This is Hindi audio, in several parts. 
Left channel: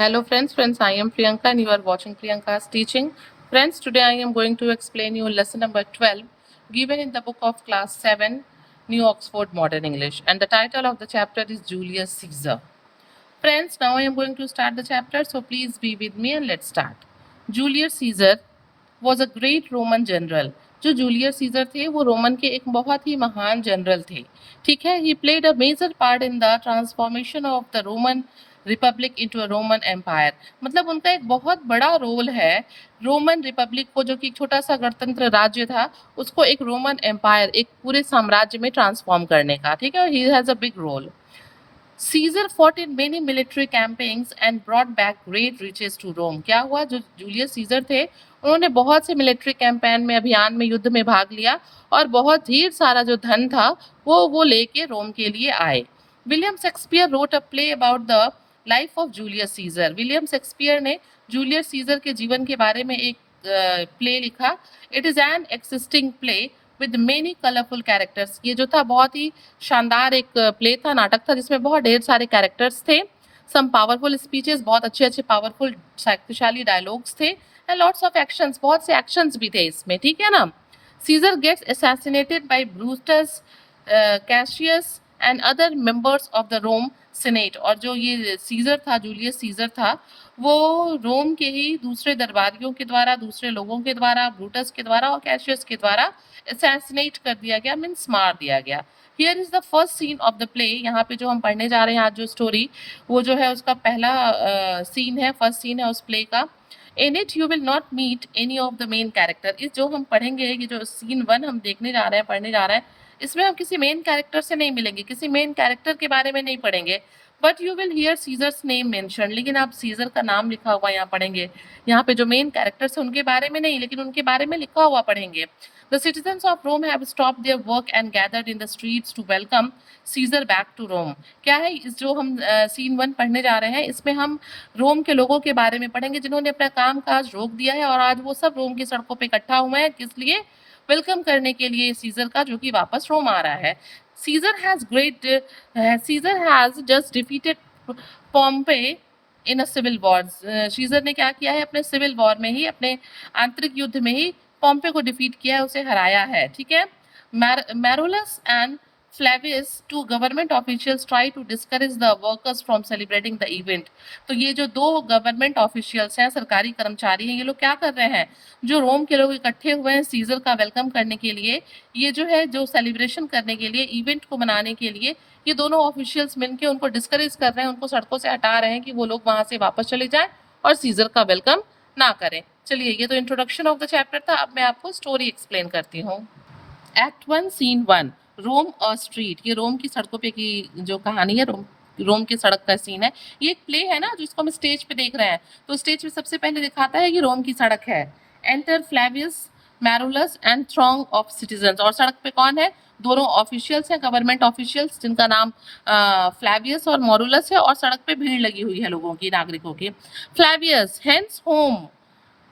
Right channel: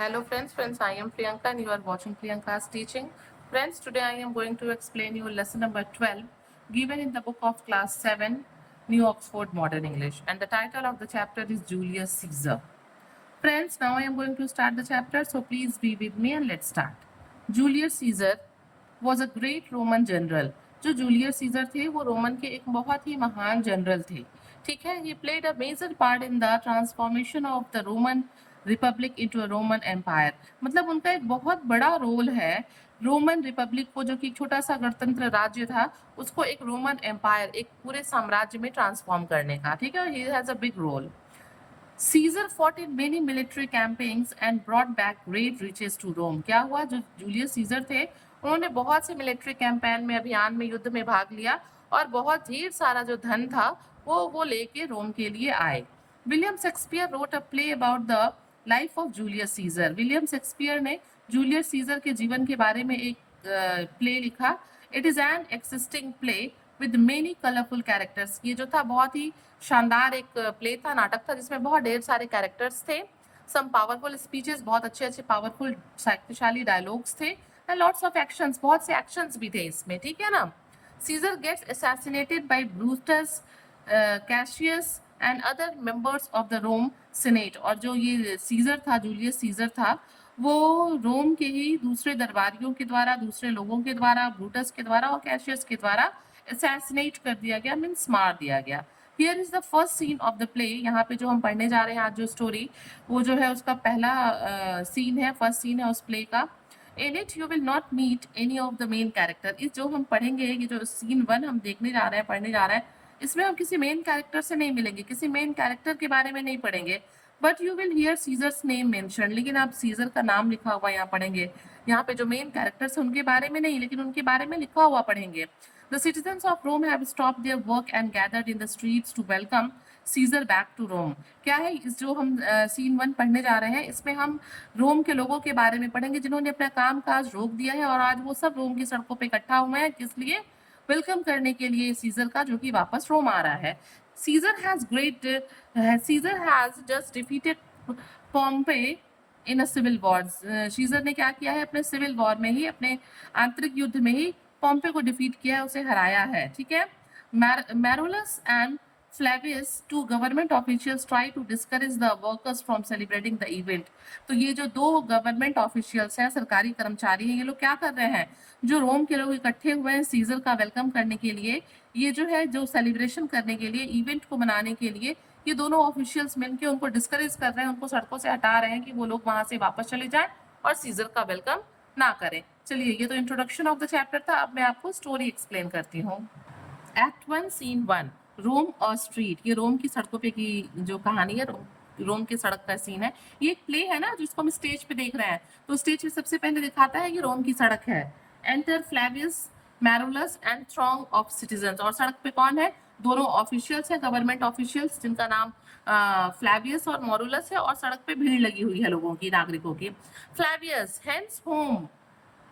Hello friends, I am Priyanka and you are watching Priyanka's teaching. Friends, today I am going to explain you lesson number 12 given in the book of class 7, New Oxford Modern English, and the title of the chapter is Julius Caesar. Friends, now I am going to start the chapter, so please be with me and let's start. Julius Caesar was a great Roman general. जो जूलियस सीजर थे वो रोमन के एक बहुत ही महान जनरल थे. ठीक है, he played a major part in the transformation of the Roman republic into a Roman empire. मतलब उनका एक बहुत बड़ा रोल है रोमन रिपब्लिक को, जो कि एक छोटा सा गणतंत्र राज्य था, उसको एक रोमन एम्पायर, एक पूरे साम्राज्य में ट्रांसफॉर्म करने का. ठीक है, he has a big role. Caesar fought in many military campaigns and brought back great riches to Rome. क्या हुआ, जो जूलियस सीजर थे उन्होंने बहुत से मिलिट्री कैंपेन में, अभियान में, युद्ध में भाग लिया और बहुत ढेर सारा जो धन था वो लेके रोम के लिए आए. William Shakespeare wrote a play about the life of Julius Caesar. William Shakespeare ने जूलियस सीजर के जीवन के बारे में एक प्ले लिखा. It is an existing play with many colourful characters. ये जो था बहुत ही शानदार एक प्ले था, नाटक था, जिसमें बहुत ढेर सारे कैरेक्टर्स थे. सम पावरफुल स्पीचेस, बहुत अच्छे अच्छे पावरफुल शक्तिशाली डायलॉग्स थे, एंड लॉट्स ऑफ एक्शंस, बहुत से एक्शंस भी थे इसमें. ठीक है ना. Caesar gets assassinated by Brutus, Cassius and other members of the Rome senate. और जो ये सीजर था, जूलियस सीजर था, वो रोम के ही दूसरे दरबारियों के द्वारा, दूसरे लोगों के द्वारा, ब्रूटस के द्वारा और कैशियस के द्वारा असैसिनेट कर दिया गया, मीन्स मार दिया गया. Here is the first scene of the play. यहाँ पे जो हम पढ़ने जा रहे हैं आज जो स्टोरी, वो जो है उसका पहला सीन है, फर्स्ट सीन है उस प्ले का. In it you will not meet any of the main character. इस जो हम पढ़ेंगे, ये जो सीन 1 हम देखने जा रहे हैं, पढ़ने जा रहे हैं, इसमें हम किसी मेन कैरेक्टर से नहीं मिलेंगे, किसी मेन कैरेक्टर के बारे में नहीं पढ़ेंगे. But you will hear Caesar's name mention. लेकिन आप सीजर का नाम लिखा हुआ यहाँ पढ़ेंगे. यहाँ पे जो मेन कैरेक्टर्स हैं उनके बारे में नहीं, लेकिन उनके बारे में लिखा हुआ पढ़ेंगे. The citizens of Rome have stopped their work and gathered in the streets to welcome Caesar back to Rome. क्या है इस जो हम सीन 1 पढ़ने जा रहे हैं, इसमें हम रोम के लोगों के बारे में पढ़ेंगे जिन्होंने अपना काम काज रोक दिया है और आज वो सब रोम की सड़कों पे इकट्ठा हुए हैं. किस लिए? वेलकम करने के लिए सीजर का, जो कि वापस रोम आ रहा है. Caesar has just defeated Pompey in a civil war. Caesar ने क्या किया है, अपने सिविल वॉर में ही, अपने आंतरिक युद्ध में ही पॉम्पे को डिफीट किया है, उसे हराया है. ठीक है. Marullus and Flavius, two government officials, try to discourage the workers from celebrating the event. तो ये जो दो गवर्नमेंट ऑफिशियल्स हैं, सरकारी कर्मचारी हैं, ये लोग क्या कर रहे हैं, जो रोम के लोग इकट्ठे हुए हैं सीजर का वेलकम करने के लिए, ये जो है जो सेलिब्रेशन करने के लिए, इवेंट को मनाने के लिए, ये दोनों ऑफिशियल्स मिलकर उनको डिस्करेज कर रहे हैं, उनको सड़कों से हटा रहे हैं कि वो लोग वहां से वापस चले जाएं और सीजर का वेलकम ना करें. चलिए, ये तो इंट्रोडक्शन ऑफ द चैप्टर था. अब मैं आपको स्टोरी एक्सप्लेन करती हूँ. एक्ट 1 सीन 1, रोम और स्ट्रीट. ये रोम की सड़कों पे की जो कहानी है, रोम की सड़क का सीन है. ये एक प्ले है ना जिसको हम स्टेज पे देख रहे हैं. तो स्टेज पे सबसे पहले दिखाता है कि रोम की सड़क है. Enter Flavius, मैरुलस and throng of citizens. और सड़क पे कौन है, दोनों ऑफिशियल्स हैं, गवर्नमेंट ऑफिशियल्स, जिनका नाम फ्लेवियस और मॉरुलस है. और सड़क पे भीड़ लगी हुई है लोगों की, नागरिकों की. Flavius, hence home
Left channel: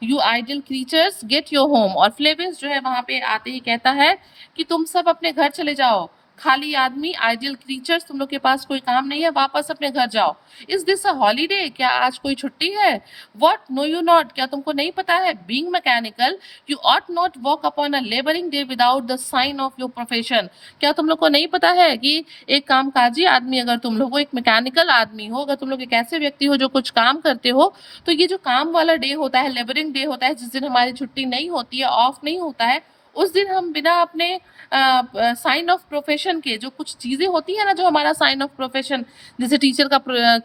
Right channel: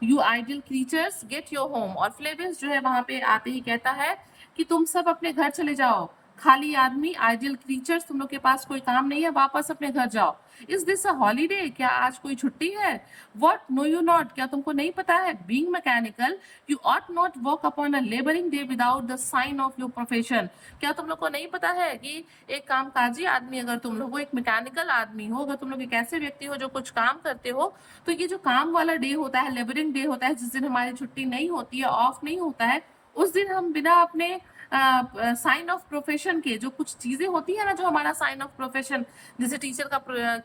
you idle creatures, get your home. और फ्लेवियस जो है वहां पे आते ही कहता है कि तुम सब अपने घर चले जाओ, खाली आदमी, आइडल क्रीचर्स, तुम लोग के पास कोई काम नहीं है, वापस अपने घर जाओ. इज दिस अ हॉलीडे, क्या आज कोई छुट्टी है? व्हाट, नो यू नॉट, क्या तुमको नहीं पता है? Being mechanical you ought not work upon a labouring day without the sign of your profession. क्या तुम लोग को नहीं पता है कि एक कामकाजी आदमी, अगर तुम लोग एक मैकेनिकल आदमी हो, अगर तुम लोग एक ऐसे व्यक्ति हो जो कुछ काम करते हो, तो ये जो काम वाला डे होता है, लेबरिंग डे होता है, जिस दिन हमारी छुट्टी नहीं होती है, ऑफ नहीं होता है, उस दिन हम बिना अपने साइन ऑफ प्रोफेशन के, जो कुछ चीजें होती है ना, जो हमारा साइन ऑफ प्रोफेशन, जैसे टीचर का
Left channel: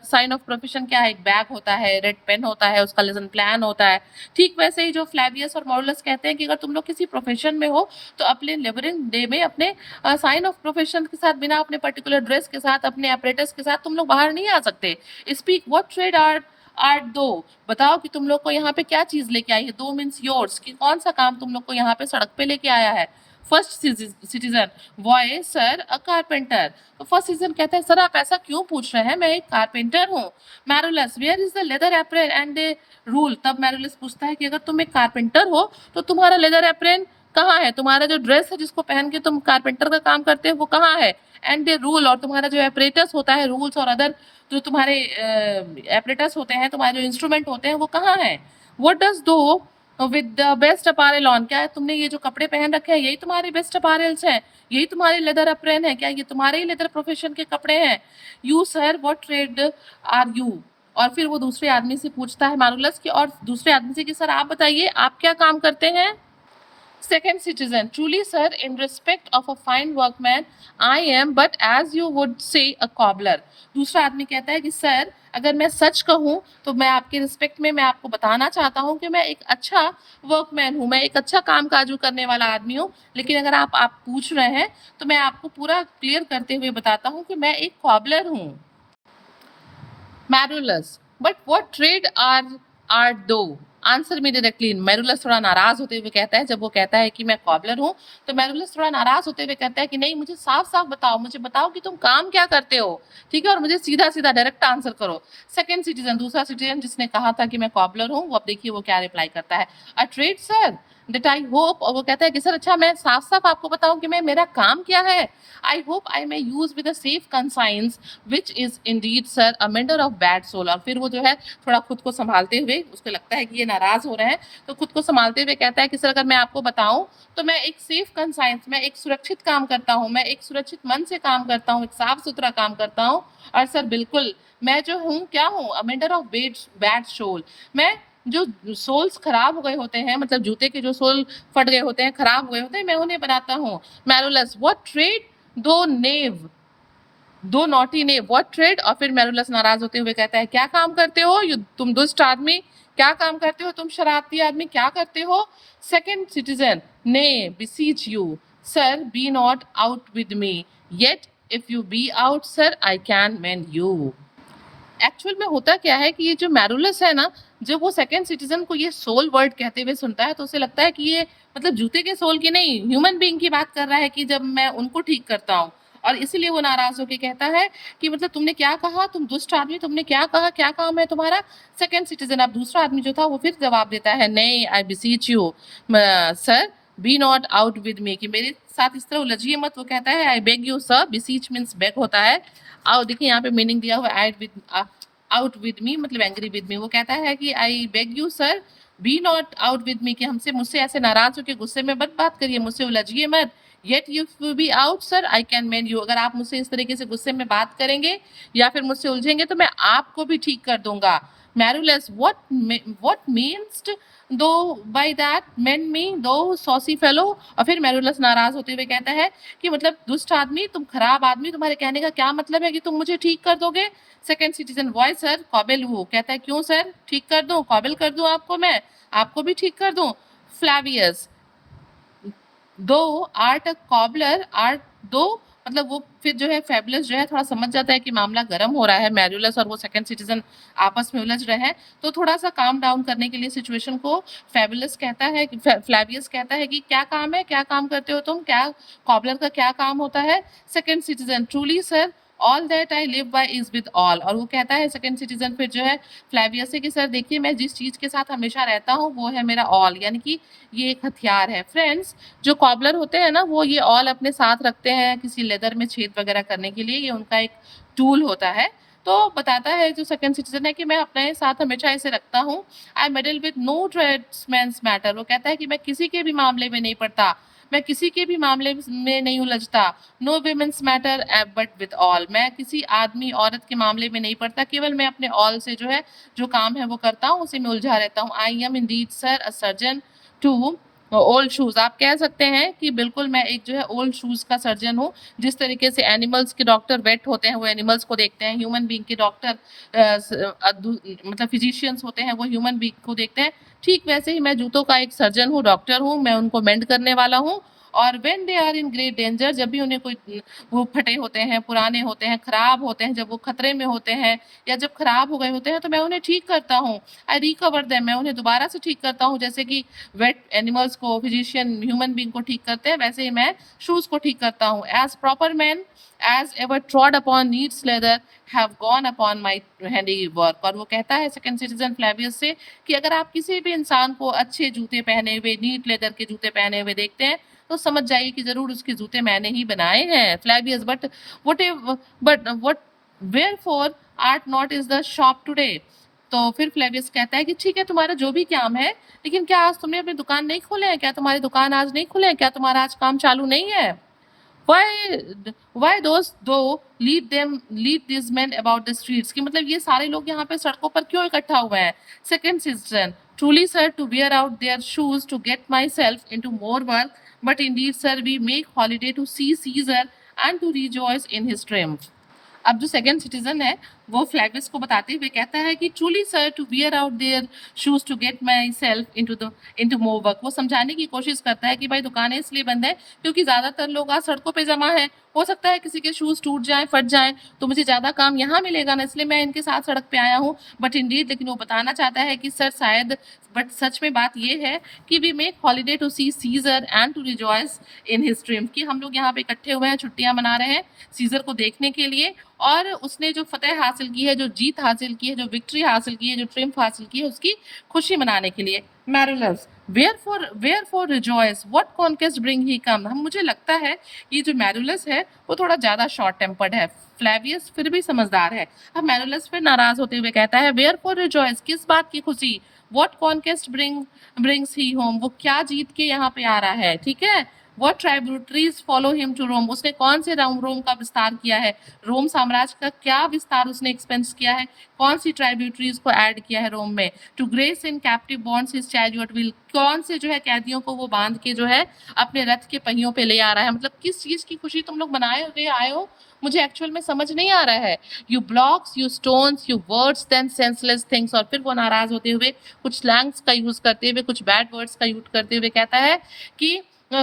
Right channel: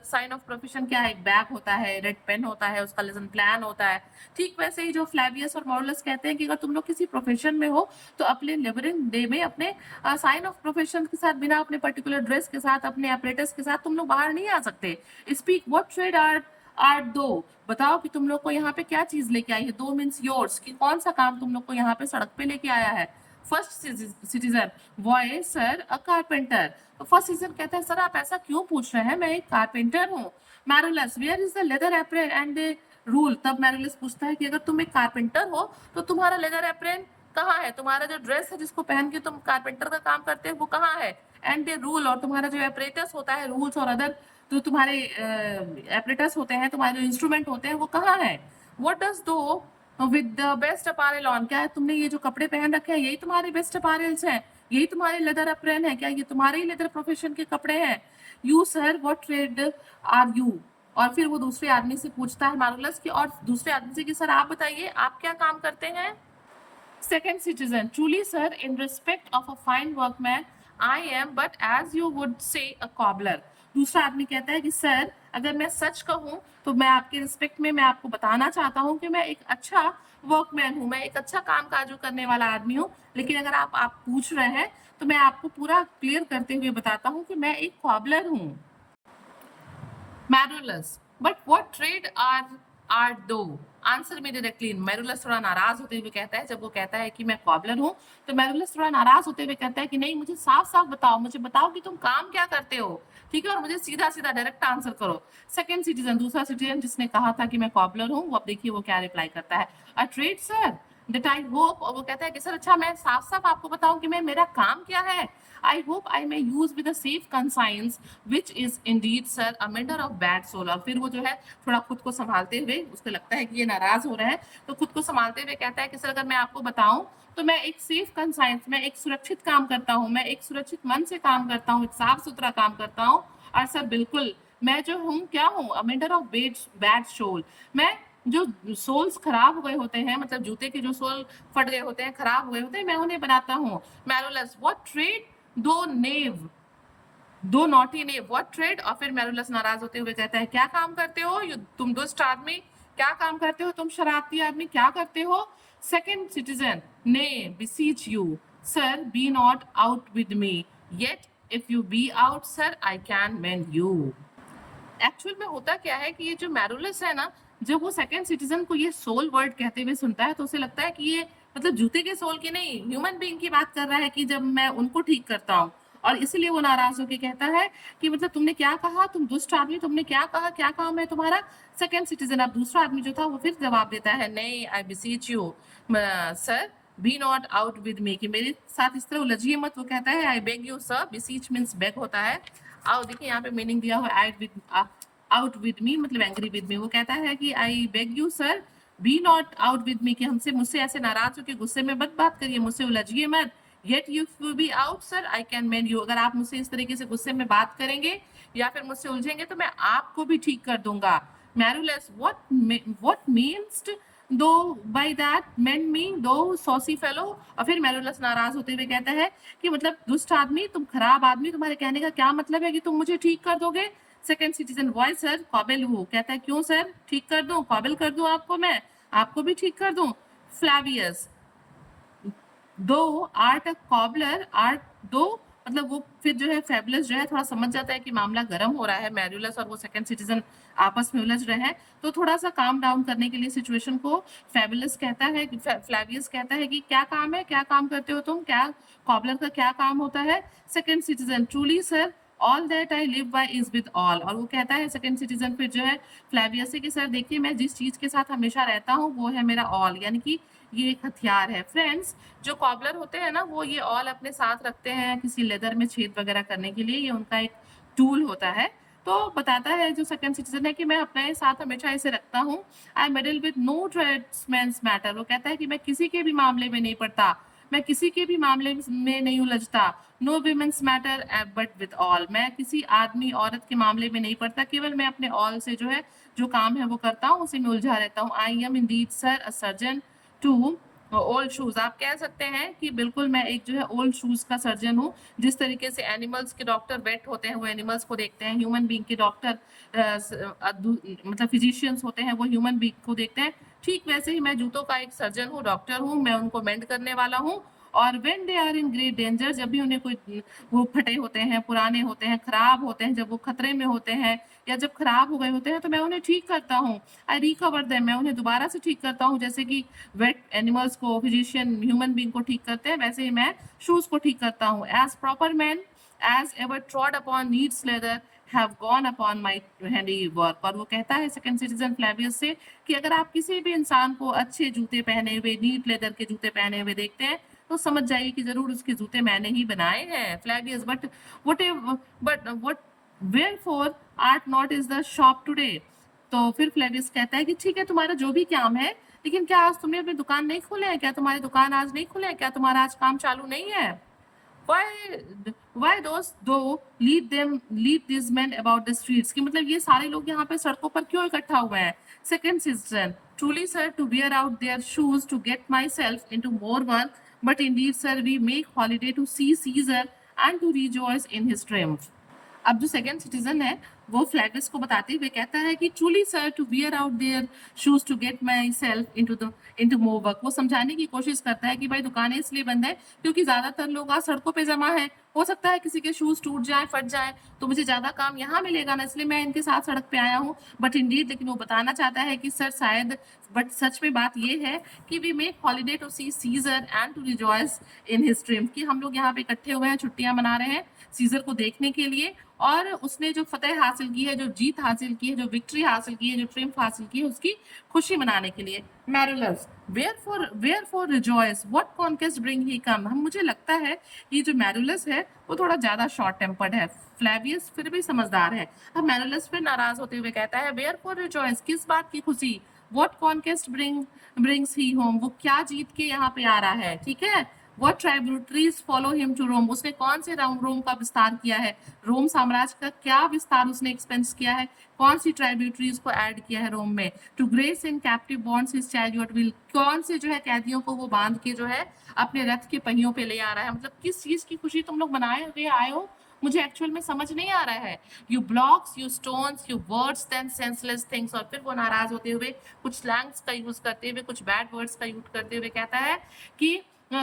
साइन ऑफ प्रोफेशन क्या है, एक बैग होता है, रेड पेन होता है, उसका लेसन प्लान होता है. ठीक वैसे ही जो फ्लेवियस और मॉरुलस कहते हैं कि अगर तुम लोग किसी प्रोफेशन में हो तो अपने लेबरिंग डे में अपने साइन ऑफ प्रोफेशन के साथ, बिना अपने पर्टिकुलर ड्रेस के साथ, अपने अपरेटस के साथ तुम लोग बाहर नहीं आ सकते. स्पीक व्हाट ट्रेड आर्ट दो, बताओ कि तुम लोग को यहाँ पे क्या चीज लेके आई है. दो मीन्स योर्स, कि कौन सा काम तुम लोग को यहाँ पे सड़क पे लेके आया है. फर्स्ट सिटीजन, बॉय, सर, अ कारपेंटर. तो फर्स्ट सिटीजन कहता है, सर आप ऐसा क्यों पूछ रहे हैं, मैं एक कारपेंटर हूँ. Marullus, where is the leather apron and the rule. तब मैरुलस पूछता है कि अगर तुम एक कारपेंटर हो तो तुम्हारा लेदर एप्रन, कहाँ है? तुम्हारा जो ड्रेस है जिसको पहन के तुम कारपेंटर का काम करते हो वो कहाँ है? एंड द रूल, और तुम्हारा जो एपरेटस होता है, रूल्स और अदर जो तुम्हारे एपरेटस होते हैं, तुम्हारे जो इंस्ट्रूमेंट होते हैं वो कहाँ है? व्हाट डज दो with the best apparel on, क्या तुमने ये जो कपड़े पहन रखे हैं यही तुम्हारे बेस्ट अपैरल्स हैं, यही तुम्हारे लेदर अप्रेन है, क्या ये तुम्हारे ही लेदर प्रोफेशन के कपड़े हैं? You sir what trade are you? और फिर वो दूसरे आदमी से पूछता है मारुलस की, और दूसरे आदमी से कि सर आप बताइए आप क्या काम करते हैं? Second citizen, truly sir, in respect of a fine workman, I am but as you would say a cobbler. दूसरा आदमी कहता है कि सर अगर मैं सच कहूँ तो मैं आपके रिस्पेक्ट में मैं आपको बताना चाहता हूँ कि मैं एक अच्छा वर्कमैन हूँ, मैं एक अच्छा काम काजू करने वाला आदमी हूँ, लेकिन अगर आप पूछ रहे हैं तो मैं आपको पूरा क्लियर करते हुए बताता हूँ कि मैं एक कॉबलर हूँ। Marullus, but what trade art thou? Answer me directly. Marullus थोड़ा नाराज होते हुए कहता है, जब वो कहता है कि मैं कॉबलर हूँ तो मैरुलस थोड़ा नाराज होते हुए कहता है कि नहीं, मुझे साफ साफ बताओ, मुझे बताओ कि तुम काम क्या करते हो, ठीक है, और मुझे सीधा सीधा डायरेक्ट आंसर करो। सेकंड सिटीजन, दूसरा सिटीजन जिसने कहा था कि मैं कॉबलर हूँ, वो अब देखिए वो क्या रिप्लाई करता है, अ trade sir that I hope, और वो कहता है कि सर अच्छा मैं साफ साफ आपको बताऊं कि मैं मेरा काम क्या है, I hope I may use with a safe conscience which is indeed sir a mender of bad sole. और फिर वो जो है थोड़ा खुद को संभालते हुए, उसको लगता है कि ये नाराज हो रहे हैं तो खुद को संभालते हुए कहता है कि सर अगर मैं आपको बताऊं तो मैं एक सेफ कंसाइंस, मैं एक सुरक्षित काम करता हूँ, मैं एक सुरक्षित मन से काम करता हूँ, एक साफ सुथरा काम करता हूँ, और सर बिल्कुल मैं जो हूँ क्या हूँ, अ मेंडर ऑफ बैड सोल, मैं जो सोल्स खराब हो गए होते हैं, मतलब जूते के जो सोल फट गए होते हैं, खराब हुए होते हैं, मैं उन्हें बनाता हूँ। मैरुलस, व्हाट ट्रेड दो नेव, दो नॉटी ने, व्हाट ट्रेड? और फिर मैरुलस नाराज होते हुए कहता है क्या काम करते हो तुम दुष्ट आदमी, क्या काम करते हो तुम शरारती आदमी, क्या करते हो? सेकंड सिटीजन, ने beseech you sir be not out with me, yet if you be out sir I can mend you। Actual में होता क्या है कि ये जो मैरुलस है ना, जब वो सेकंड सिटीजन को ये सोल वर्ड कहते हुए सुनता है तो उसे लगता है कि ये मतलब जूते के सोल की नहीं, ह्यूमन बीइंग की बात कर रहा है कि जब मैं उनको ठीक करता हूँ, और इसीलिए वो नाराज होकर कहता है कि मतलब तुमने क्या कहा, तुम दुष्ट आदमी, तुमने क्या कहा, क्या काम है तुम्हारा? सेकंड सिटीजन, अब दूसरा आदमी जो था वो फिर जवाब देता है, नहीं I beseech you sir be not out with me, कि मेरे साथ इस तरह उलझिए मत। वो कहता है I beg you sir, beseech means beg होता है, आओ देखिए यहाँ पे मीनिंग दिया हुआ है आउट विद मी मतलब एंग्री विद मी। वो कहता है कि I beg you sir be not out with me, कि मुझसे ऐसे नाराज होकर गुस्से में मत बात करिए, मुझसे उलझिए मत। Yet you will be out sir I can mend you, अगर आप मुझसे इस तरीके से गुस्से में बात करेंगे या फिर मुझसे उलझेंगे तो मैं आपको भी ठीक कर दूंगा। मैरुलस, व्हाट मीन्स दो बाय दैट मेंड मी दो सॉसी फेलो। और फिर मैरुलस नाराज होते हुए कहता है कि मतलब दुष्ट आदमी, तुम खराब आदमी, तुम्हारे कहने का क्या मतलब है कि तुम मुझे ठीक कर दोगे? सेकंड सिटीजन, वॉय सर काबिल हूँ, कहता है क्यों सर, ठीक कर दूं, काबिल कर दूं आपको, मैं आपको भी ठीक कर दूं। फ्लैवियस, दो आर्ट अ कॉबलर आर्ट दो, मतलब वो फिर जो है फेबुलस जो है थोड़ा समझ जाता है कि मामला गर्म हो रहा है, मैरुलस और वो सेकंड सिटीजन आपस में उलझ रहे हैं, तो थोड़ा सा काम डाउन करने के लिए सिचुएशन को फेबुलस कहता है, फ्लैवियस कहता है कि क्या काम है, क्या काम करते हो तुम, क्या कॉबलर का क्या काम होता है? Second citizen, truly sir all that I live by is with all, और वो कहता है सेकंड सिटीजन फिर जो है फ्लैवियस से कि सर देखिए मैं जिस चीज के साथ हमेशा रहता हूँ वो है मेरा ऑल, यानी कि ये एक हथियार है। फ्रेंड्स, जो कॉबलर होते हैं ना वो ये ऑल अपने साथ रखते हैं किसी लेदर में छेद वगैरह करने के लिए, ये उनका एक टूल होता है। तो बताता है जो सेकंड सिटीजन है कि मैं अपने साथ हमेशा इसे रखता हूँ। आई मेडल विद नो ट्रेड्समैन्स मैटर, वो कहता है कि मैं किसी के भी मामले में नहीं पड़ता, मैं किसी के भी मामले में नहीं उलझता। No women's matter but withal, मैं किसी आदमी औरत के मामले में नहीं पड़ता, केवल मैं अपने ऑल से जो है जो काम है वो करता हूँ, उसी में उलझा रहता हूँ। I am indeed sir a surgeon to old shoes, आप कह सकते हैं कि बिल्कुल मैं एक जो है ओल्ड शूज का सर्जन हूँ। जिस तरीके से एनिमल्स के डॉक्टर वेट होते हैं वो एनिमल्स को देखते हैं, ह्यूमन बीइंग के डॉक्टर मतलब फिजिशियंस होते हैं वो ह्यूमन बीइंग को देखते हैं, ठीक वैसे ही मैं जूतों का एक सर्जन हूँ, डॉक्टर हूँ, मैं उनको मेंड करने वाला हूँ। और when they are in great danger, जब भी उन्हें कोई वो फटे होते हैं, पुराने होते हैं, खराब होते हैं, जब वो खतरे में होते हैं या जब खराब हो गए होते हैं तो मैं उन्हें ठीक करता हूँ। आई रिकवर देम, मैं उन्हें दोबारा से ठीक करता हूँ। जैसे कि वेट एनिमल्स को फिजिशियन ह्यूमन बीइंग को ठीक करते हैं, वैसे ही मैं शूज को ठीक करता हूँ। As proper man as ever trod upon needs leather have gone upon my handiwork। और वो कहता है सेकंड सिटीजन फ्लेवियस से कि अगर आप किसी भी इंसान को अच्छे जूते पहने हुए, नीट लेदर के जूते पहने हुए देखते हैं तो समझ जाइए कि जरूर उसके जूते मैंने ही बनाए हैं। Flavius but wherefore art not is the shop today. तो फिर फ्लेवियस कहता है कि ठीक है, तुम्हारा जो भी काम है, लेकिन क्या आज तुमने अपनी दुकान नहीं खोले हैं? क्या तुम्हारी दुकान आज नहीं खुले हैं? क्या तुम्हारा आज काम चालू नहीं है? why why those though lead these men about the streets, कि मतलब ये सारे लोग यहाँ पे सड़कों पर क्यों इकट्ठा हुए हैं? Second citizen, truly sir to wear out their shoes to get myself into more work, but indeed sir we make holiday to see Caesar and to rejoice in his triumph। अब जो सेकंड सिटीजन है वो फ्लैवियस को बताते हुए कहता है कि truly sir to wear out their shoes to get myself into more work. वो समझाने की कोशिश करता है कि भाई दुकानें इसलिए बंद है क्योंकि ज्यादातर लोग आज सड़कों पे जमा है, हो सकता है किसी के शूज टूट जाए, फट जाए, तो मुझे ज्यादा काम यहाँ मिलेगा ना, इसलिए मैं इनके साथ सड़क पे आया हूँ। बट इंडीड, लेकिन वो बताना चाहता है कि सर शायद, बट सच में बात ये है कि we make holiday to see Caesar and to rejoice in his triumph, कि हम लोग यहाँ पे इकट्ठे हुए हैं, छुट्टियां मना रहे हैं सीजर को देखने के लिए, और उसने जो फतेह हासिल की है, जो जीत हासिल की है, जो विक्ट्री हासिल की है, जो ट्रिम्फ हासिल की है, उसकी खुशी मनाने के लिए। मैरुलस, wherefore rejoice, what conquest bring he come। हम, मुझे लगता है ये जो मैरुलस है वो थोड़ा ज्यादा शॉर्ट टेम्पर्ड है, फ्लेवियस फिर भी समझदार है। अब मैरुलस फिर नाराज होते हुए कहता है wherefore rejoice, किस बात की खुशी? what conquest brings he home, वो क्या जीत के यहाँ पे आ रहा है, ठीक है। What tributaries follow him to Rome, उसने कौन से रोम का विस्तार किया है, रोम साम्राज्य का क्या विस्तार उसने एक्सपेंस किया है, कौन सी ट्राइब्यूटरीज को ऐड किया है रोम में। To grace in captive bonds his chariot wheel, कौन से जो है कैदियों को वो बांध के जो है अपने रथ के पहियों पे ले आ रहा है। मतलब किस चीज की खुशी तुम लोग बनाए हुए आए हो, मुझे एक्चुअल में समझ नहीं आ रहा है। You blocks, you stones, you words, then senseless things. और फिर वो नाराज होते हुए कुछ स्लैंग्स का यूज करते हुए, कुछ बैड वर्ड्स का यूज करते हुए कहता है कि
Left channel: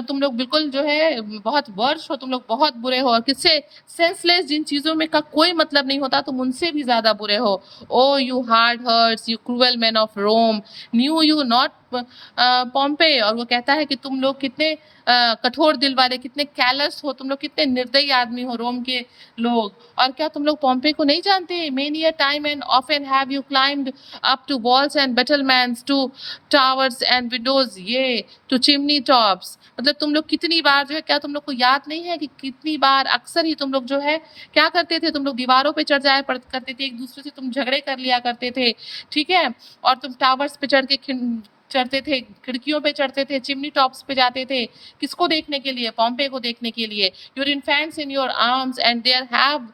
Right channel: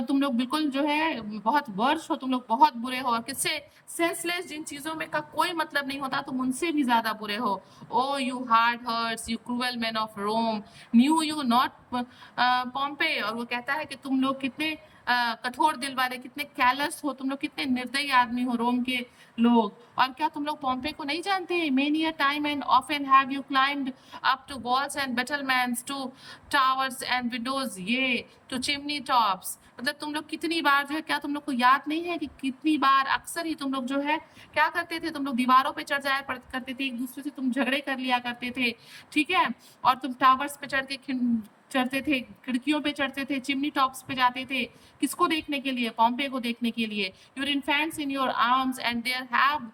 तुम लोग बिल्कुल जो है बहुत वर्ष हो, तुम लोग बहुत बुरे हो, और किससे? सेंसलेस, जिन चीजों में का कोई मतलब नहीं होता तुम उनसे भी ज्यादा बुरे हो। O you hard hearts, you cruel men of Rome, knew you not Pompey. और वो कहता है कि तुम लोग कितने कठोर दिल वाले, कितने कैलस हो, तुम लोग कितने निर्दयी आदमी हो रोम के लोग। और क्या तुम लोग पॉम्पे को नहीं जानते? Many a time and often have you climbed up to walls and battlements, to towers and windows, yea to chimney tops. मतलब तुम लोग कितनी बार जो है, क्या तुम लोग को याद नहीं है कि कितनी बार अक्सर ही तुम लोग जो है क्या करते थे? तुम लोग दीवारों पे चढ़ जाया करते थे, एक दूसरे से तुम झगड़े कर लिया करते थे, ठीक है। और तुम टावर्स पे चढ़ते थे, खिड़कियों पे चढ़ते थे, चिमनी टॉप्स पे जाते थे, किसको देखने के लिए? पॉम्पे को देखने के लिए। Your infants in your arms and there have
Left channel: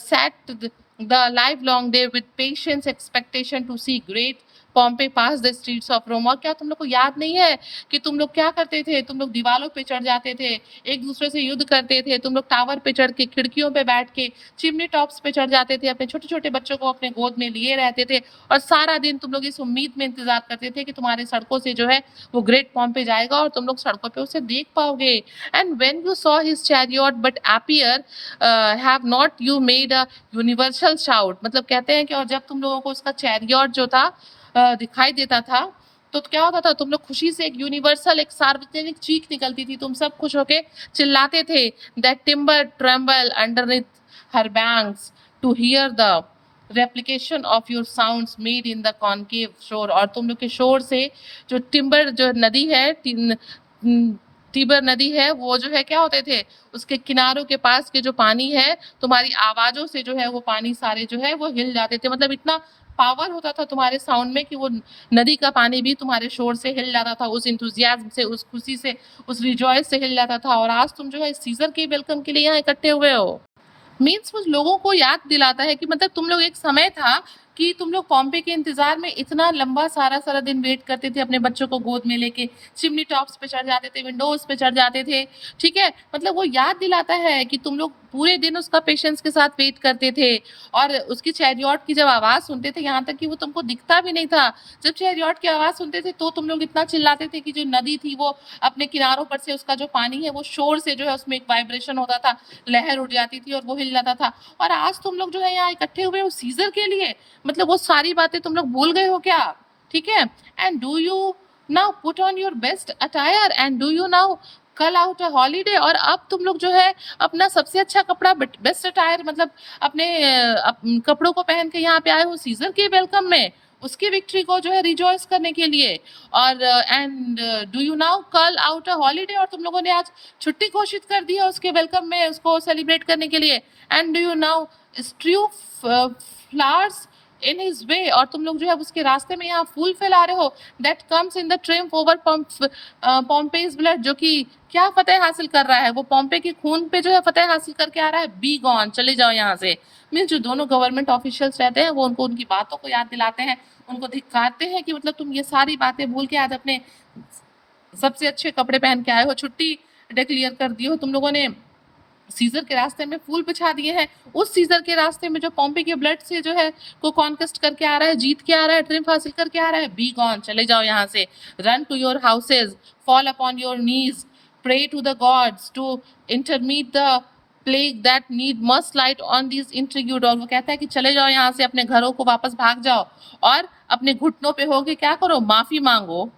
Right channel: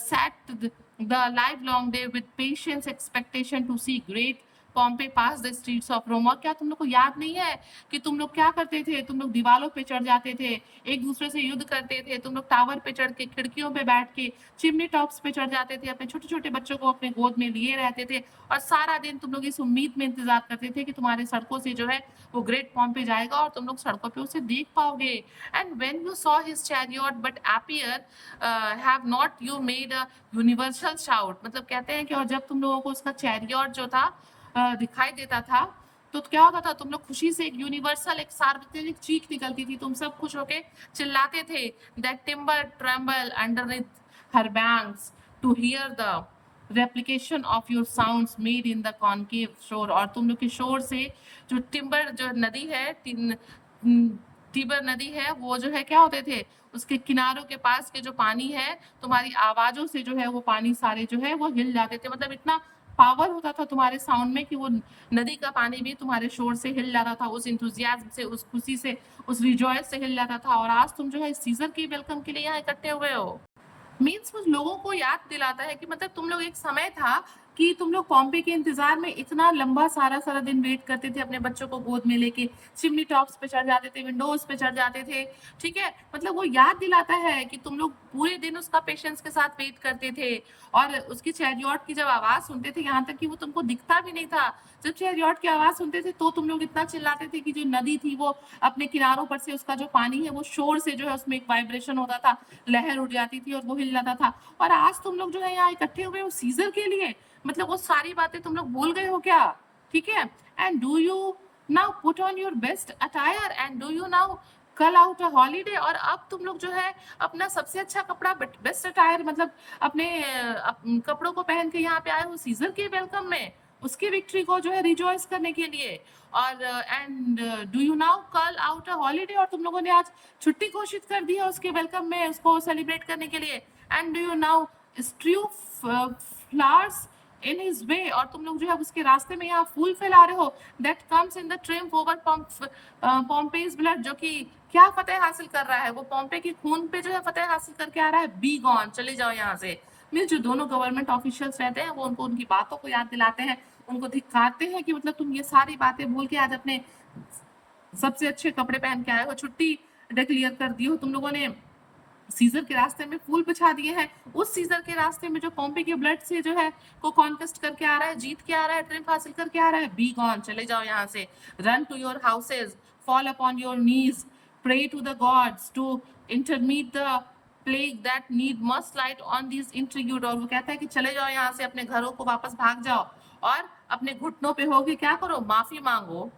sat the livelong day with patience expectation to see great Pompey pass the streets of Rome. और क्या तुम लोग को याद नहीं है कि तुम लोग क्या करते थे? तुम लोग दीवारों पे चढ़ जाते थे, एक दूसरे से युद्ध करते थे, तुम लोग टावर पे चढ़ के, खिड़कियों पे बैठ के, चिमनी टॉप्स पे चढ़ जाते थे, अपने छोटे छोटे बच्चों को अपने गोद में लिए रहते थे, और सारा दिन तुम लोग इस उम्मीद में इंतजार करते थे कि तुम्हारे सड़कों से जो है वो ग्रेट पॉम्पे जाएगा और तुम लोग सड़कों पे उसे देख पाओगे। And when you saw his chariot but appear have not you made a universal shout. मतलब कहते हैं कि और जब तुम लोगों को उसका चैरियट जो था दिखाई देता था तो क्या होता था? तुम लोग खुशी से एक यूनिवर्सल, एक सार्वजनिक चीख निकलती थी, तुम सब खुश होके चिल्लाते थे। That timber tremble underneath her banks to hear the replication of your sounds made in the concave shore. और तुम लोग के शोर से जो टिम्बर, जो नदी है, टिबर नदी है, वो जो है क्या होते थे, उसके किनारों के पास के जो पानी है, तुम्हारी आवाजों से जो है वो पानी सारे जो है वो हिल जाते थे। मतलब इतना पावर होता था तुम्हारे साउंड में कि वो नदी का पानी भी तुम्हारे शोर से हिल जाता था, उस इंथुजियाज्म से, उस खुशी से, उस रिजॉयस से हिल जाता था। और आज तुम जो है सीजर के वेलकम के लिए यहाँ इकट्ठे हुए हो। मीन्स वो लोगों को याद दिलाता है कि मतलब तुम लोग, एक समय था कि तुम लोग पॉम्पे के इंतजार में इतना लंबा सारा सारा दिन वेट करते थे अपने बच्चों को गोद में लेके, चिमनी टॉप्स पे चढ़ जाते थे, विंडोज पे चढ़ जाते थे, ठीक है। मतलब वो याद दिलाता है कि तुम लोग पूरे दिन उसका पेशेंस के साथ वेट करते थे, और उसकी चैरियट की जब आवाज सुनते थे, यहाँ तक कि वो तुमको दिखता भी नहीं था, जब चैरियट की आवाज सुनते थे तो तुम लोग इतना चिल्लाते थे कि जो नदी थी वो अपने किनारों पर से उसका जो पानी है वो शोर से जो है उसमें एक वाइब्रेशन होता था, लहर उठ जाती थी और वो हिल जाता था। और आज तुम लोग जो है यहाँ इकट्ठे हुए हो सीजर के लिए, मतलब वो सारी बातें तुम लोग भूल गए हो क्या? ठीक है। And do you now put on your best attire and do you now कल आउट अ हॉलीडे? और अब तुम लोग जो है अपना सबसे अच्छा कपड़ा, बेस्ट अटायर, मतलब अपने कपड़ों को पहन के यहाँ पे आए हो सीजर के वेलकम में, उसकी विक्ट्री को जो है रिजॉइस करने के लिए। और एंड डू यू नाउ कल आउट अ हॉलीडे? और तुम लोगों ने आज छुट्टी घोषित कर दी है उसके वेलकम में, उसको सेलिब्रेट करने के लिए। And do you now strew flowers in his way? और तुम लोग जो है उसके रास्ते में यहाँ फूल फैला रहे हो, that comes in the triumph over Pompey's blood, जो कि क्या फतेह हासिल कर रहा है, वो पॉम्पे के खून पे जो है फतेह हासिल करके आ रहा है। बी गॉन, चले जाओ यहाँ से। मीन्स जो दोनों गवर्नमेंट ऑफिशियल्स रहते हैं वो उनको उनकी बातों को याद दिलाते हैं, उनको धिक्कारते हैं कि मतलब तुम ये सारी बातें भूल के आज अपने सबसे अच्छे कपड़े पहन के आए हो, छुट्टी डिक्लेयर कर दी हो तुम लोगों ने, सीजर के रास्ते में फूल बिछा दिए हैं, उस सीजर के रास्ते में जो पॉम्पे के ब्लड से जो है को कॉन्केस्ट करके आ रहा है, जीत के आ रहा है, ट्रिम्फ हासिल करके आ रहा है। बी गॉन, चले जाओ यहाँ से। Run to your houses, fall upon your knees, pray to the gods to intermit the plague that need must light on this ingratitude. और वो कहता है कि चले जाओ यहाँ से, अपने घरों को वापस भाग जाओ और अपने घुटनों पे होके क्या करो, माफी मांगो,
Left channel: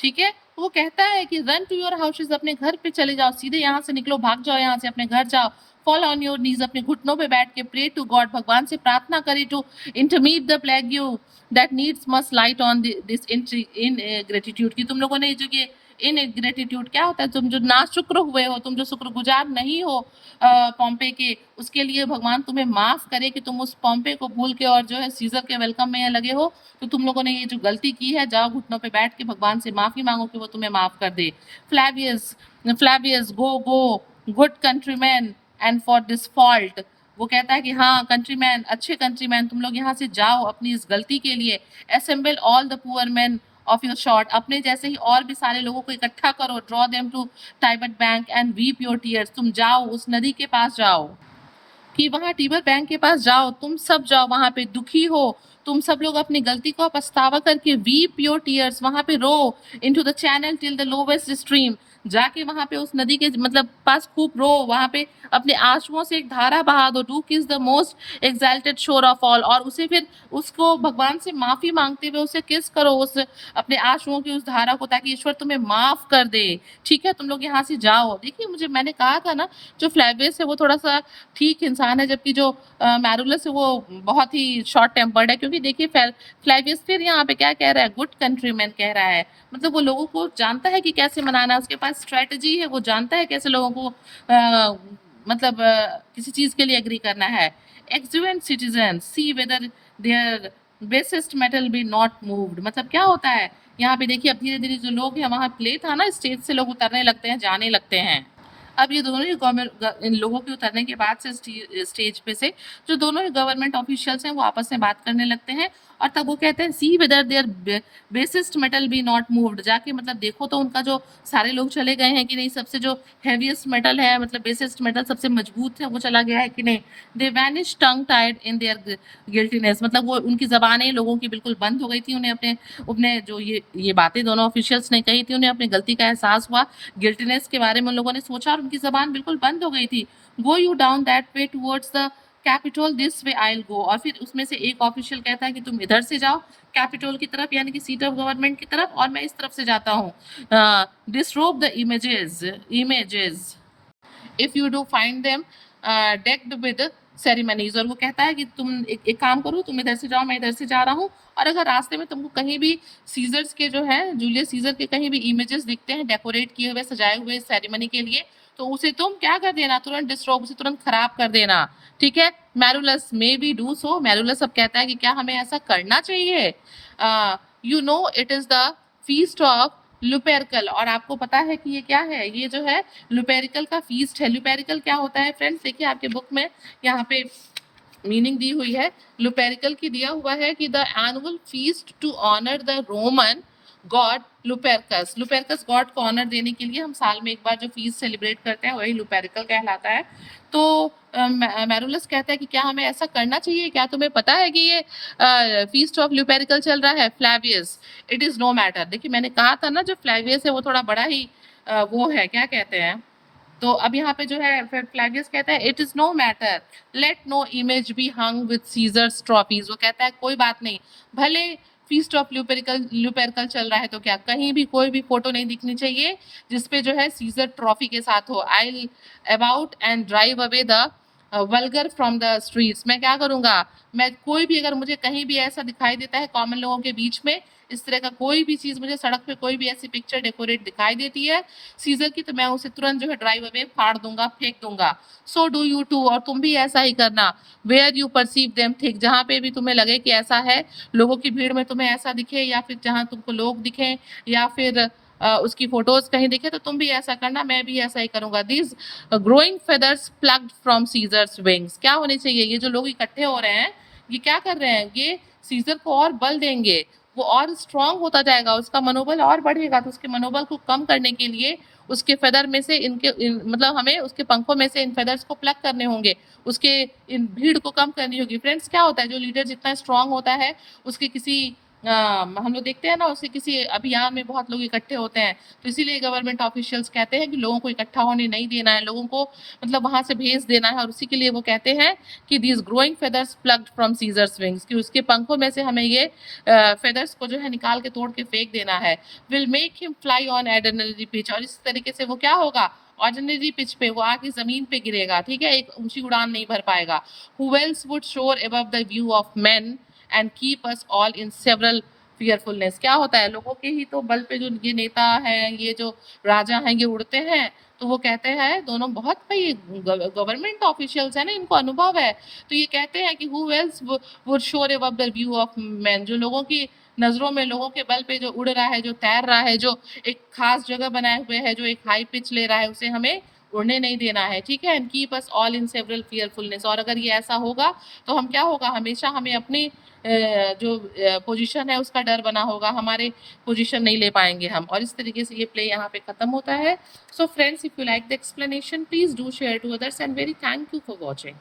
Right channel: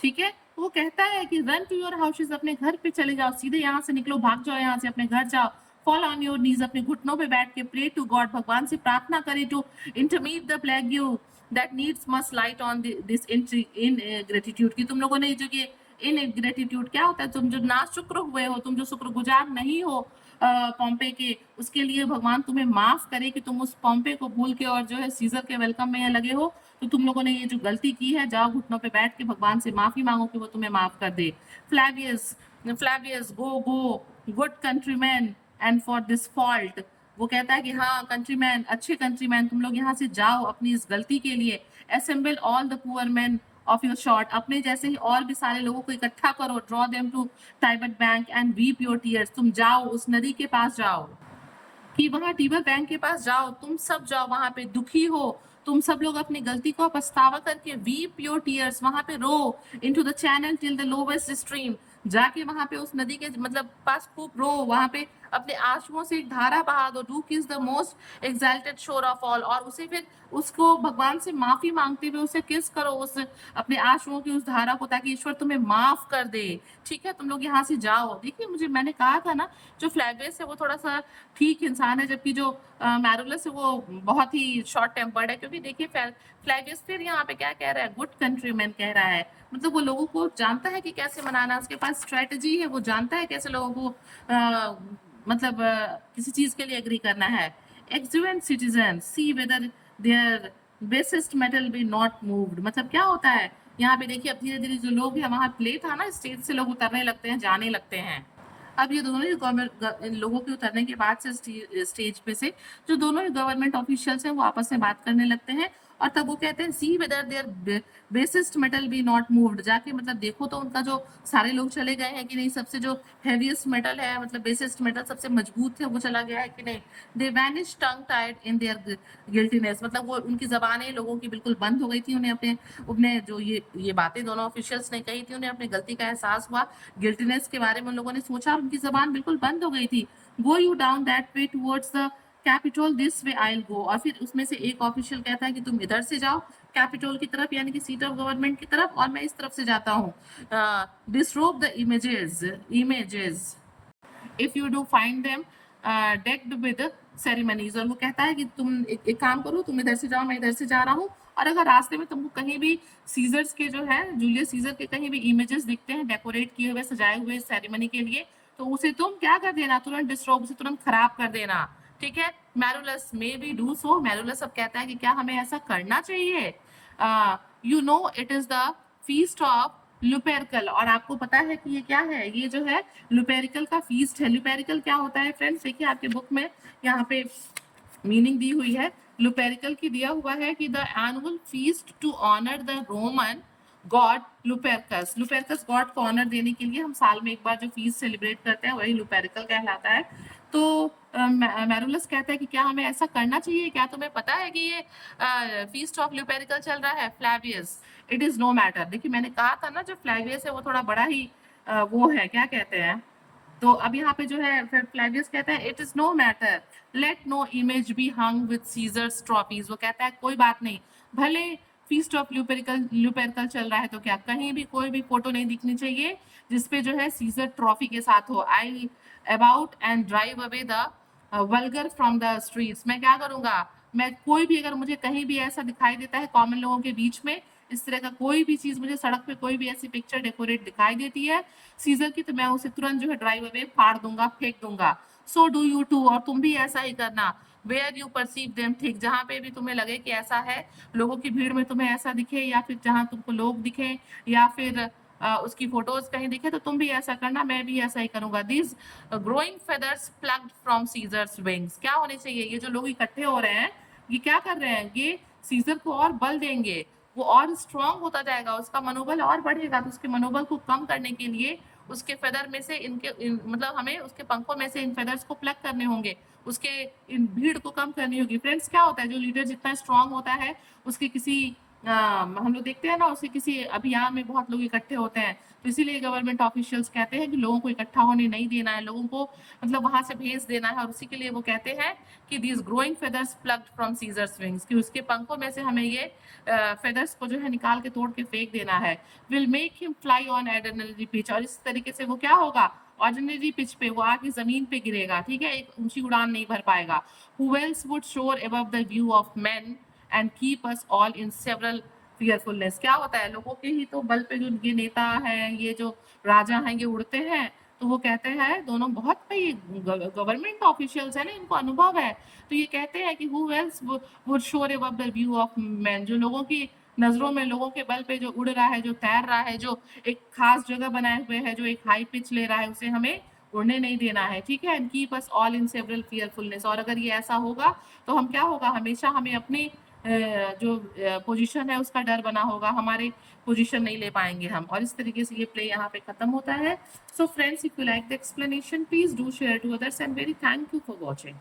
ठीक है। वो कहता है कि रन टू योर हाउसेज, अपने घर पे चले जाओ, सीधे यहाँ से निकलो, भाग जाओ यहाँ से, अपने घर जाओ। फॉल ऑन योर नीज, अपने घुटनों पे बैठ के प्रे टू गॉड, भगवान से प्रार्थना करे, to intermit the plague you that needs must light on this ingratitude. की तुम लोगों ने जो कि इन ग्रेटिट्यूड क्या होता है, तुम जो ना शुक्र हुए हो, तुम जो शुक्रगुजार नहीं हो पॉम्पे के, उसके लिए भगवान तुम्हें माफ करे कि तुम उस पॉम्पे को भूल के और जो है सीजर के वेलकम में लगे हो। तो तुम लोगों ने ये जो गलती की है, जाओ घुटनों पे बैठ के भगवान से माफी मांगो कि वो तुम्हें माफ कर दे। Flavius Flavius go good countrymen and for this fault, वो कहता है कि हाँ कंट्रीमैन, अच्छे कंट्रीमैन, तुम लोग यहाँ से जाओ अपनी इस गलती के लिए। Assemble all the poor man of your short, अपने जैसे ही और भी सारे लोगों को इकट्ठा करो, draw them to Tiber bank and weep your tears, तुम जाओ उस नदी के पास जाओ, कि वहां टीबर बैंक के पास जाओ, तुम सब जाओ वहां पे, दुखी हो तुम सब लोग, अपनी गलती को पछतावा करके वीप योर टीयर्स, वहां पे रो, into the channel till the lowest stream, जाके वहां पे उस नदी के मतलब पास खूब रो, वहां पे अपने आंसुओं से एक धारा बहा दो, डू किस द मोस्ट एक्साल्टेड शोर ऑफ ऑल, और उसे फिर उसको भगवान से माफी मांगते हुए उसे किस करो, उस अपने आंसुओं की उस धारा को, ताकि ईश्वर तुम्हें माफ कर दे। ठीक है, तुम लोग यहाँ से जाओ। देखिए, मुझे मैंने कहा था ना, जो फ्लैवियस है वो थोड़ा सा ठीक इंसान है, जबकि जो मैरुलस है वो बहुत ही शॉर्ट टेम्पर्ड है। क्योंकि देखिए फ्लैवियस फिर यहाँ पे क्या कह रहा है, गुड कंट्रीमैन कह रहा है, मतलब वो लोगों को जानता है कि कैसे मनाना है, उसके पास स्ट्रेटजी है, वो जानता है कैसे लोगों को मतलब किसी चीज के लिए एग्री करना है। Exeunt citizen see whether their basest metal be not moved, मतलब क्या होता है यहाँ पे, देखिए अब धीरे धीरे जो लोग हैं, वहां प्ले था ना, स्टेज से लोग उतरने लगते हैं, जाने लगते हैं। अब ये दोनों ही इन लोगों के उतरने के बाद से स्टेज पे से जो दोनों ही गवर्नमेंट ऑफिशियल्स हैं वो आपस में बात करने लगते हैं, और तब वो कहते हैं see whether their basest metal be not moved, जाके मतलब देखो तो उनका जो सारे लोग चले गए हैं कि नहीं, सबसे जो हैवीएस्ट मेटल है, मतलब बेसिस्ट मेटल सबसे मजबूत है, वो चला गया है कि नहीं। They vanish tongue tied in their guiltiness, मतलब वो उनकी जबानें लोगों की बिल्कुल बंद हो गई थी, उन्हें अपने जो ये बातें दोनों ऑफिशियल्स ने कही थी, उन्हें अपनी गलती का एहसास हुआ, गिल्टीनेस के बारे में उन लोगों ने सोचा और उनकी जबान बिल्कुल बंद हो गई थी। Go you down that way towards the capital, this way I will go, और फिर उसमें से एक ऑफिशियल कहता है कि तुम इधर से जाओ कैपिटल की तरफ, यानी कि सीट ऑफ गवर्नमेंट की तरफ, और मैं इस तरफ से जाता हूँ। Disrobe the images if you do find them decked with ceremonies, और वो कहता है कि तुम एक काम करो, तुम इधर से जाओ, मैं इधर से जा रहा हूँ, और अगर रास्ते में तुमको कहीं भी सीजर्स के जो है, जूलियस सीजर के कहीं भी इमेजेस दिखते हैं डेकोरेट किए हुए, सजाए हुए सेरेमनी के लिए, तो उसे तुम क्या कर देना, तुरंत डिस्ट्रॉब, उसे तुरंत खराब कर देना। ठीक है, मैरुलस मे बी डू सो, मैरुलस अब कहता है कि क्या हमें ऐसा करना चाहिए। You know it is the feast of Lupercal, और आपको पता है कि ये क्या है, ये जो है लुपेरिकल का फीस्ट है। लुपेरिकल क्या होता है फ्रेंड्स, देखिए आपके बुक में यहाँ पे मीनिंग दी हुई है। लुपेरिकल की दिया हुआ है कि the annual feast to honour the Roman god Lupercus. Lupercus god को ऑनर देने के लिए हम साल में एक बार जो फीस्ट सेलिब्रेट करते हैं वही लुपेरिकल कहलाता है। तो मैरुलस कहता है कि क्या हमें ऐसा करना चाहिए, क्या तुम्हें पता है कि ये फीस्ट ऑफ लुपेरिकल चल रहा है? फ्लैवियस, इट इज नो मैटर। देखिए मैंने कहा था ना, जो फ्लैवियस है वो थोड़ा बड़ा ही वो है, क्या कहते हैं। तो अब यहाँ पे जो है फ्लैवियस कहता है it is no matter, let no image be hung with Caesar's trophies. वो कहता है कोई बात नहीं, भले फीस्ट ऑफ ल्यूपेरिकल चल रहा है तो क्या कहीं भी कोई भी फोटो नहीं दिखनी चाहिए जिसपे जो है सीजर ट्रॉफी के साथ हो। आई about and drive away the vulgar from the streets. मैं क्या करूंगा, मैं कोई भी अगर मुझे कहीं भी ऐसा दिखाई देता है कॉमन लोगों के बीच में, इस तरह का कोई भी चीज मुझे सड़क पे कोई भी ऐसी पिक्चर डेकोरेट दिखाई देती है सीजर की, तो मैं उसे तुरंत जो है ड्राइव अवे फाड़ दूंगा, फेंक दूंगा। सो डू यू टू, और तुम भी ऐसा ही करना। Where you perceive them thick, जहाँ पे भी तुम्हें लगे कि ऐसा है, लोगों की भीड़ में तुम्हें ऐसा दिखे, या फिर जहाँ तुमको लोग दिखे, या फिर उसकी फोटोज कहीं दिखे, तो तुम भी ऐसा करना, मैं भी ऐसा ही करूंगा। This growing feathers plucked from Caesar's wings. क्या होने चाहिए, ये जो लोग इकट्ठे हो रहे हैं ये क्या कर रहे हैं, ये सीजर को और बल देंगे, वो और स्ट्रांग होता जाएगा, उसका मनोबल और बढ़ेगा। तो उसके मनोबल को कम करने के लिए उसके फेदर में से मतलब हमें उसके पंखों में से इन फेदर्स को प्लग करने होंगे, उसके इन भीड़ को कम करनी होगी। फ्रेंड्स क्या होता है, जो लीडर जितना स्ट्रांग होता है उसके किसी हम लोग देखते हैं ना, उसके किसी अभियान में बहुत लोग इकट्ठे होते हैं, तो इसीलिए गवर्नमेंट ऑफिशियल्स कहते हैं कि लोगों को इकट्ठा होने नहीं देना है, लोगों को मतलब वहां से भेज देना है। और उसी के लिए वो कहते हैं कि these growing feathers plucked from Caesar's wings, कि उसके पंखों में से हमें ये फेदर्स को जो है निकाल के तोड़ के फेंक देना है। Will make him fly on ordinary pitch, और इस तरीके से वो क्या होगा, ऑर्डिनरी पिच पे वो आके जमीन पे गिरेगा, ठीक है, एक ऊंची उड़ान नहीं भर पाएगा। Who else would soar above the view of men and keep us all in several fearfulness. क्या होता है, लोगों के ही तो बल पे जो ये नेता है, ये जो राजा हैं, ये उड़ते हैं, तो वो कहते हैं दोनों बहुत भाई गवर्नमेंट ऑफिशियल्स है ना, इनको अनुभव है, तो ये कहते हैं कि who else would soar above the view of man, जो लोगों की नजरों में, लोगों के बल पे जो उड़ रहा है, जो तैर रहा है, जो एक खास जगह बनाए हुए है, जो एक हाई पिच ले रहा है, उसे हमें उड़ने नहीं देना है, ठीक है। And keep us all in several fearfulness, और अगर ये ऐसा होगा तो हम क्या होगा, हमेशा हमें अपनी जो पोजीशन है उसका डर बना होगा, हमारे पोजीशन नहीं ले पाएंगे हम। और इस तरीके से ये प्ले यहाँ पे खत्म होता है। So friends, if you like the explanation please do share to others and very thank you for watching.